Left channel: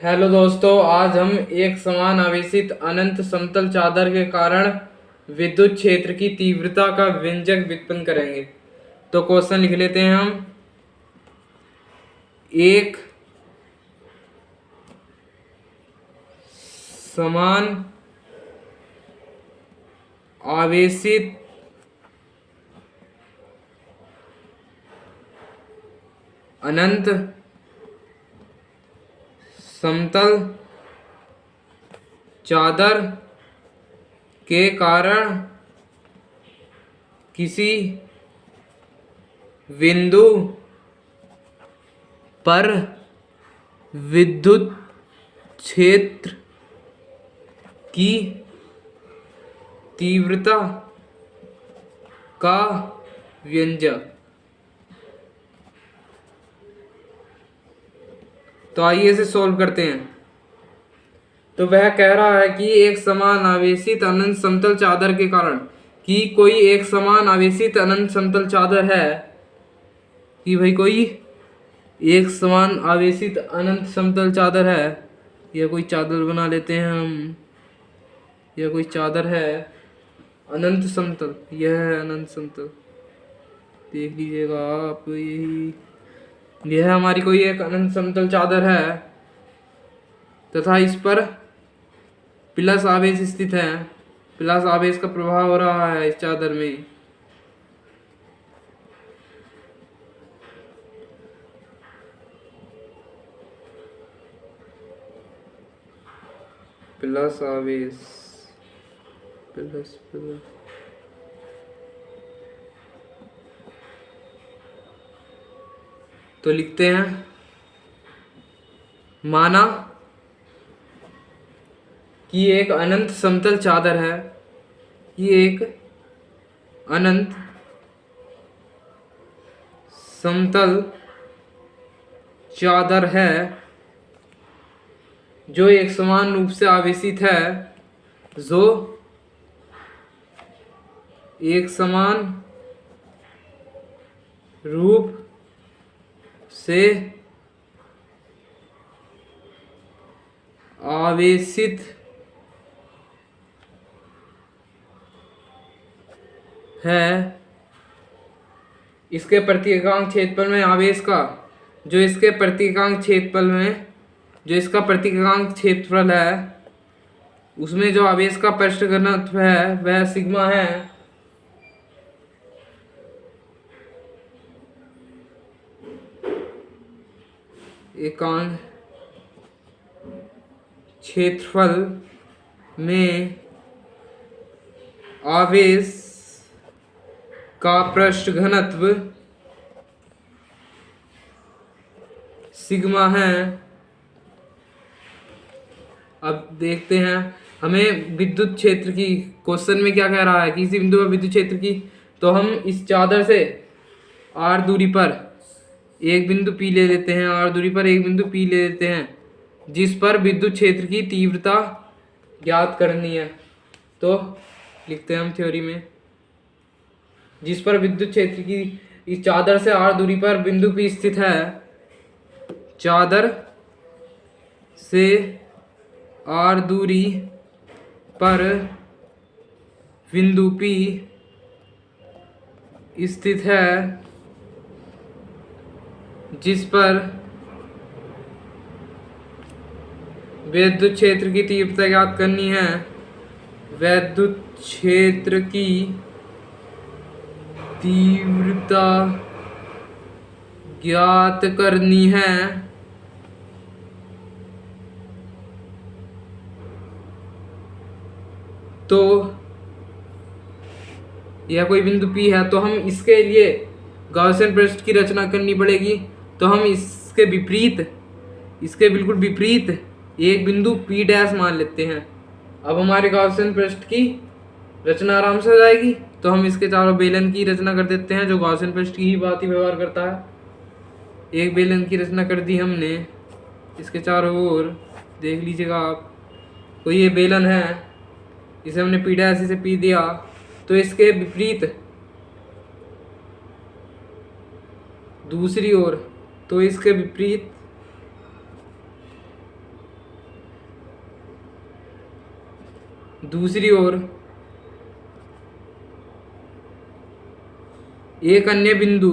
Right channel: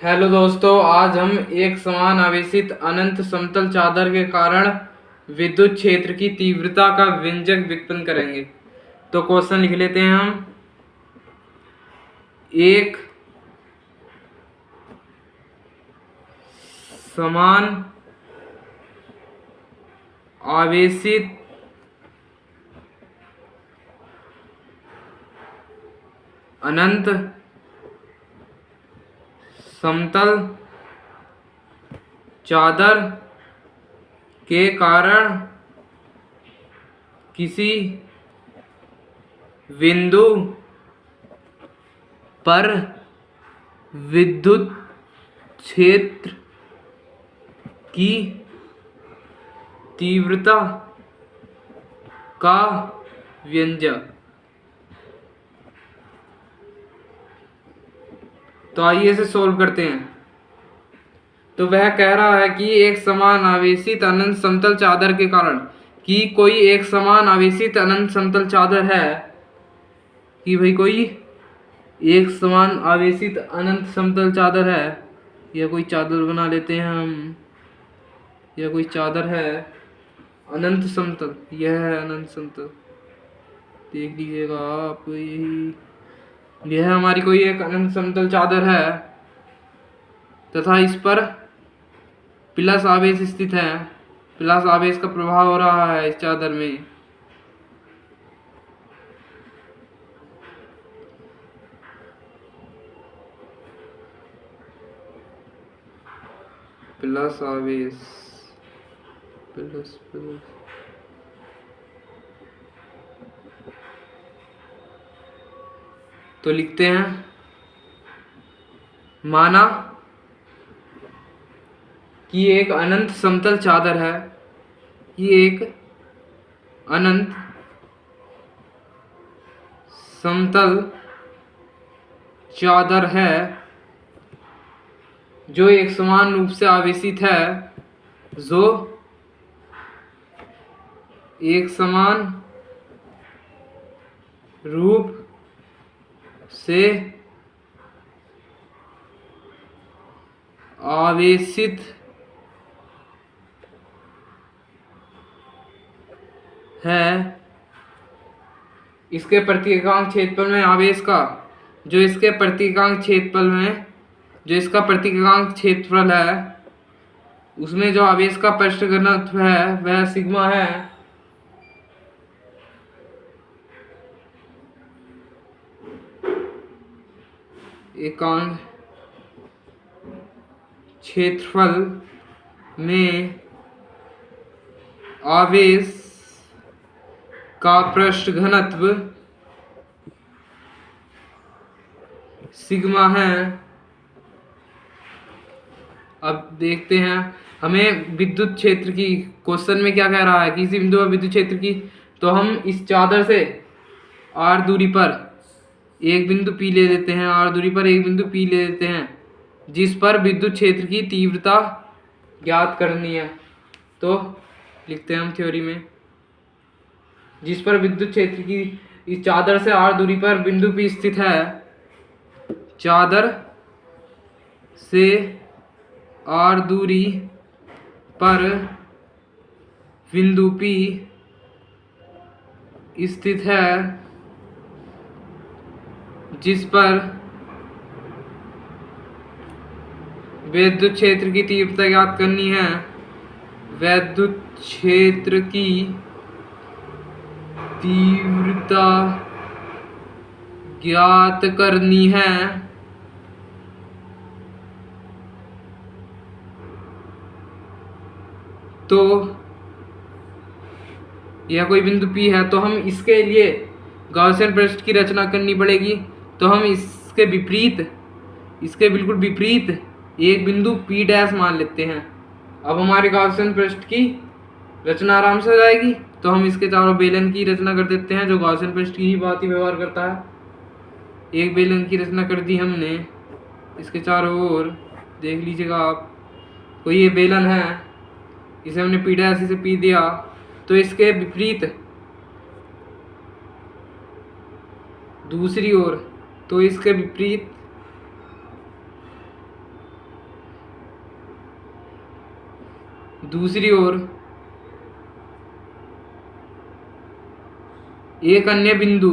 Hello दोस्तों, आज हम एक समान आवेशित अनंत समतल चादर के कारण विद्युत क्षेत्र की तीव्रता का व्यंजक व्युत्पन्न करेंगे। तो क्वेश्चन लिख लेते हैं हम। एक समान आवेशित अनंत समतल चादर के कारण किसी बिंदु पर विद्युत क्षेत्र की तीव्रता का व्यंजक। तो आइए इसे सोल्व करते हैं। तो वह कह रहा है कि एक समान आवेशित अनंत समतल चादर के कारण कि कोई एक समान आवेशित अनंत समतल चादर है कि भाई कोई एक समान आवेशित अनंत समतल चादर है, या कोई चादर बना लेते हैं हम, या कोई चादर है अनंत समतल, यह है अनंत समतल, देख लीजिएगा आप। यह हमारी कोई एक अनंत समतल चादर है तथा इस पर प्लस आवेश स्थित है। प्लस आवेश का प्रभाव हो रहा है इस चादर में। प्लस आवेश प्लस प्लस तो लिखते हैं, माना कि एक अनंत समतल चादर है, कि एक अनंत समतल चादर है जो एक समान रूप से आवेशित है, जो एक समान रूप से आवेशित है। इसके प्रतीकांक क्षेत्रफल में आवेश का जो इसके प्रतीकांक क्षेत्रफल में जो इसका प्रतीकांक क्षेत्रफल है उसमें जो आवेश का पृष्ठ घनत्व है वह सिग्मा है। एकांक क्षेत्रफल में आवेश का पृष्ठ घनत्व सिग्मा है। अब देखते हैं हमें विद्युत क्षेत्र की, क्वेश्चन में क्या कह रहा है, किसी बिंदु पर विद्युत क्षेत्र की। तो हम इस चादर से r दूरी पर एक बिंदु P ले लेते हैं, r दूरी पर एक बिंदु P ले लेते हैं जिस पर विद्युत क्षेत्र की तीव्रता ज्ञात करनी है। तो लिखते हैं हम थ्योरी में, जिस पर विद्युत क्षेत्र की, इस चादर से r दूरी पर बिंदु P स्थित है, चादर से r दूरी पर बिंदु P स्थित है जिस पर विद्युत क्षेत्र की तीव्रता ज्ञात करनी है। विद्युत क्षेत्र की तीव्रता ज्ञात करनी है तो यह कोई बिंदु P है, तो हम इसके लिए गॉसियन पृष्ठ की रचना करनी पड़ेगी। तो हम इसके बिल्कुल विपरीत एक बिंदु P डैश मान लेते हैं। अब हमारे गॉसियन पृष्ठ की रचना आराम से हो जाएगी। तो हम इसके चारों बेलन की रचना कर देते हैं जो गॉसियन पृष्ठ की ही बात ही व्यवहार करता है। एक बेलन की रचना कर दी हमने, इसके चारों ओर देख लीजिएगा आप। कोई ये बेलन है, इसे हमने P डैश से P दिया, तो इसके विपरीत दूसरी ओर, तो इसके विपरीत दूसरी ओर एक अन्य बिंदु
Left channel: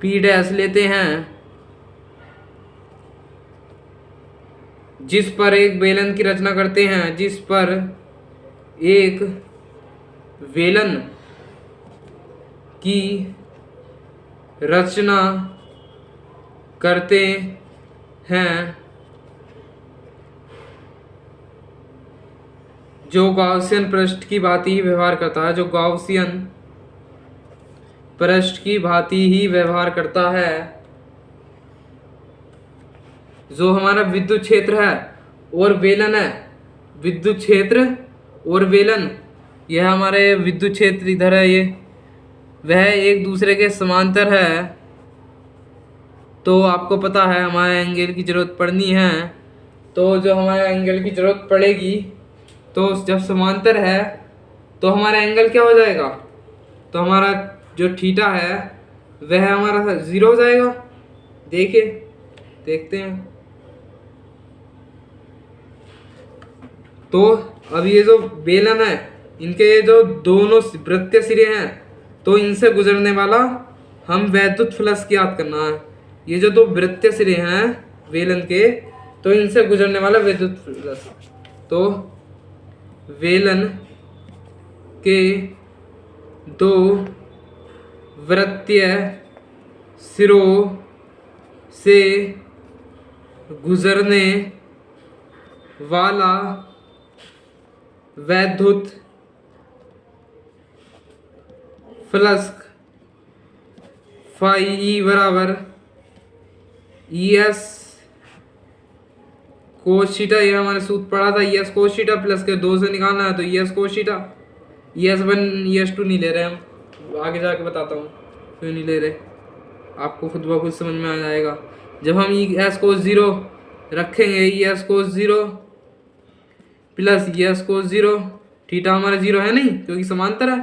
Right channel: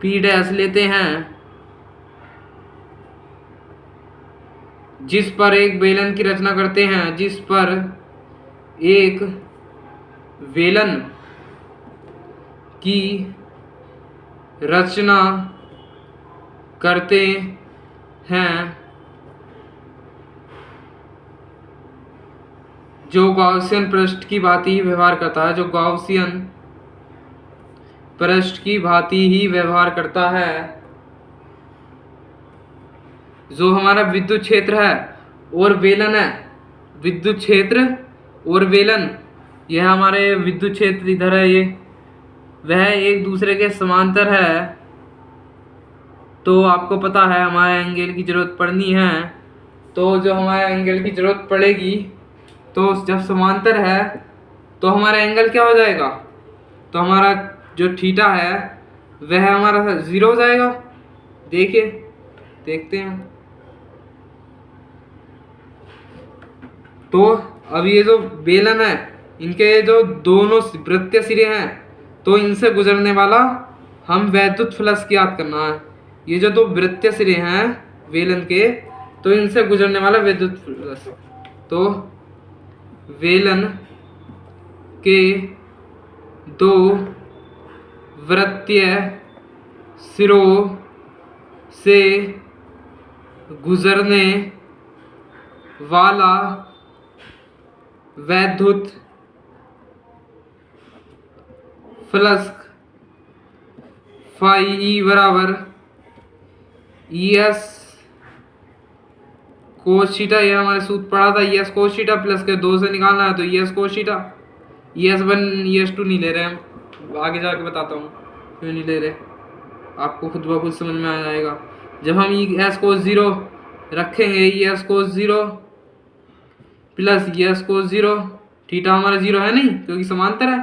P डैश लेते हैं, जिस पर एक बेलन की रचना करते हैं, जिस पर एक बेलन की रचना करते हैं, जो गॉसियन पृष्ठ की भांति ही व्यवहार करता है, जो गॉसियन पृष्ठ की भांति ही व्यवहार करता है, जो हमारा विद्युत क्षेत्र है और बेलन है, विद्युत क्षेत्र और बेलन, यह हमारे विद्युत क्षेत्र इधर है, ये वह एक दूसरे के समांतर है। तो आपको पता है हमारे एंगल की जरूरत पड़नी है, तो जो हमारे एंगल की जरूरत पड़ेगी, तो जब समांतर है तो हमारा एंगल क्या हो जाएगा, तो हमारा जो थीटा है वह हमारा 0 हो जाएगा। देखिए, देखते हैं। तो अब ये जो बेलन है, इनके जो दोनों वृत्तीय सिरे हैं, तो इनसे गुजरने वाला हम वैद्युत फ्लक्स की याद करना है। ये जो दो वृत्तीय सिरे हैं बेलन के, तो इनसे गुजरने वाला वैद्युत फ्लक्स, तो बेलन के दो वृत्तीय सिरों से गुजरने वाला वैद्युत फ्लक्स फाई ई बराबर ES कोस थीटा, ये हमारे सूत्र पढ़ा था, ES कोस थीटा प्लस के 2 से निकालना है, तो ES cos theta, ES1 ES2 नहीं ले रहे हम, आगे जाके बताता हूँ क्यों नहीं ले रहे, आपको खुद ब खुद समझ में आ जाएगा। जब हम ES कोस 0 रखेंगे, ES कोस 0 प्लस ES कोस 0, थीटा हमारा 0 है नहीं क्योंकि समांतर है,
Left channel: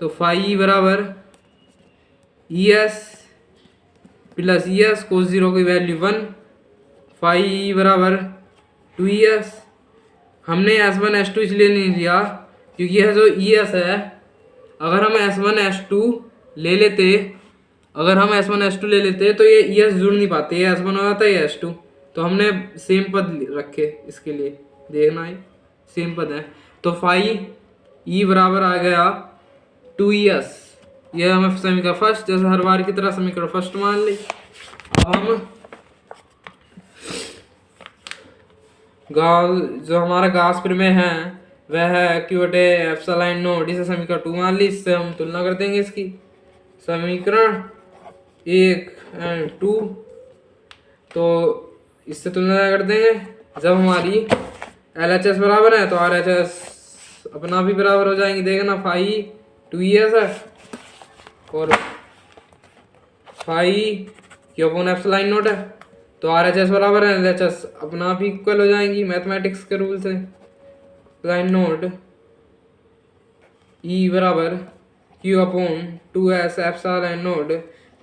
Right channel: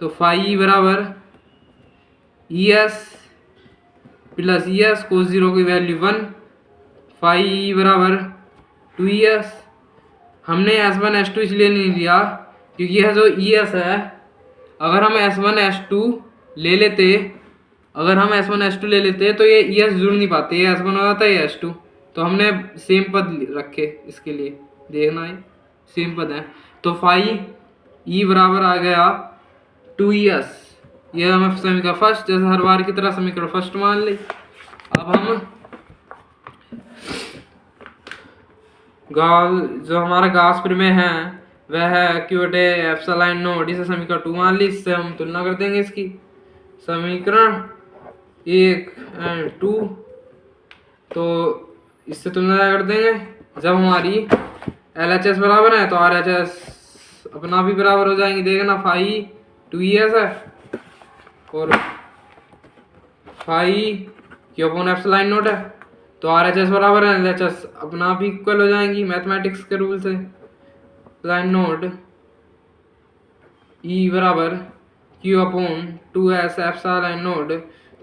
तो फाई बराबर ES प्लस ES कोस 0 की वैल्यू 1, फाई बराबर 2ES। हमने S1 S2 इसलिए नहीं लिया क्योंकि यह जो ES है, अगर हम S1 S2 ले लेते, अगर हम S1 S2 ले लेते तो ये ES जुड़ नहीं पाते, ये S1 हो जाता है S2, तो हमने सेम पद रखे इसके लिए, देखना है सेम पद है, तो फाई ई बराबर आ गया 2ES। यह हमें समीकरण फर्स्ट, जैसे हर बार की तरह समीकरण फर्स्ट मान ली। अब हम जो हमारा गॉस प्रमेय है वह है Q बटे एप्सिलॉन नॉट, इसे समीकरण 2 मान ली। इससे हम तुलना कर देंगे इसकी, समीकरण 1 और 2, तो इससे तुलना कर देंगे। जब हमारी LHS बराबर है तो RHS अपना भी बराबर हो जाएंगे, देखना फाई 2ES है और phi Q upon epsilon naught है, तो RHS बराबर है LHS अपना भी इक्वल हो जाएंगी मैथमेटिक्स के रूल से। एप्सिलॉन नॉट E बराबर Q upon 2S epsilon not.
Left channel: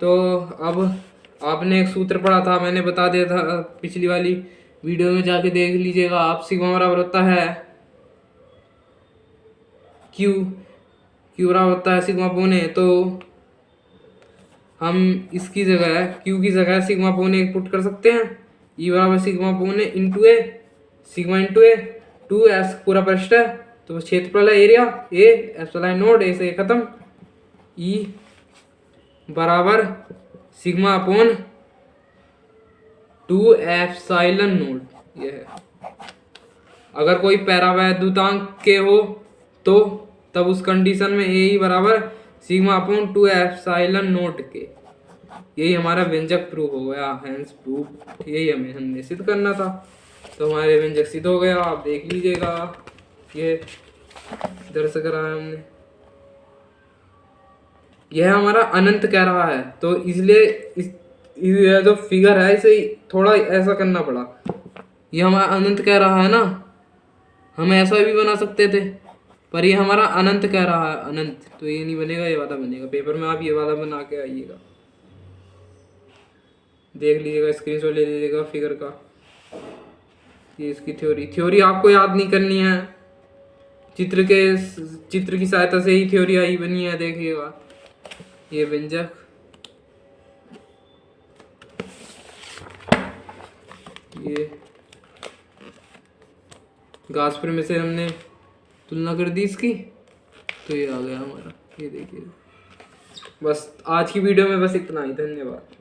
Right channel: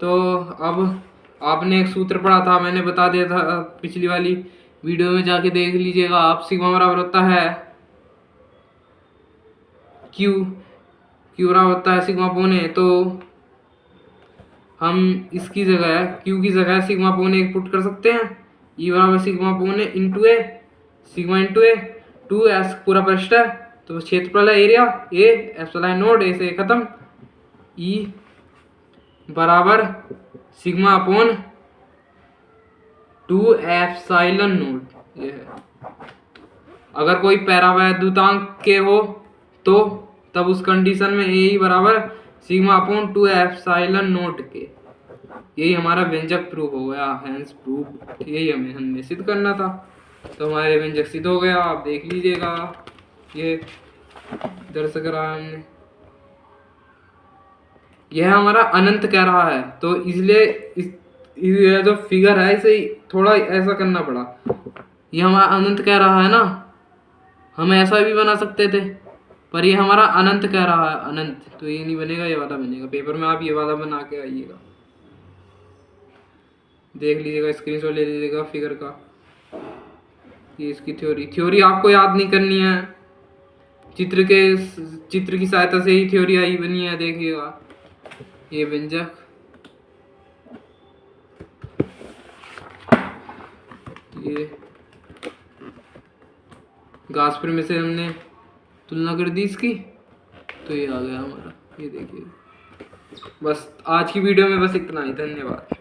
तो अब आपने एक सूत्र पढ़ा था, मैंने बता दिया था पिछली वाली वीडियो में, जाके देख लीजिएगा आप। सिग्मा बराबर होता है Q बराबर होता है सिग्मा अपॉन A, तो हम इसकी जगह Q की जगह सिग्मा अपॉन A पुट कर सकते हैं। E बराबर sigma upon A into A, sigma into A, 2S पूरा पृष्ठ है तो क्षेत्रफल है area A, epsilon not A से खत्म, E बराबर सिग्मा अपॉन 2 एप्सिलॉन नॉट। ये है, अगर कोई पैरावैद्युतांक के हो तो तब उस कंडीशन में A बराबर सिग्मा अपॉन 2 एप्सिलॉन नॉट के। यही हमारा व्यंजक प्रूफ हो गया, हेंस प्रूफ, यही हमने सिद्ध करना था, तो हमारे व्यंजक सिद्ध हो गया। आप देख लीजिएगा, ये दर्शक रहा हमने, यह हमारा अनंत कह रहा है, तो इसलिए यह जो फिगर है इसे थोड़ा ऐसा करना पड़ा। यह हमारा अनंत कह रहा है ना, हम ऐसा भी बना सकते थे, पर ये हमारा अनंत कह रहा है, अनंत, तो ये नहीं बनेगा, ये वाला बनेगा। पेपर में आप ये वाला बना के आइएगा, देख लीजिएगा, स्क्रीनशॉट ले लीजिएगा फिगर का। ये इसकी थ्योरी आपको याद नहीं करनी है, चित्र की सहायता से ही थ्योरी आई बनी है। देखिएगा ये व्यंजक, ये गास्पर में से हमने तुलना कर दी इसकी, तो ये आ गया हमारा। ये देखिए, बस आज की वीडियो में बस इतना ही। धन्यवाद।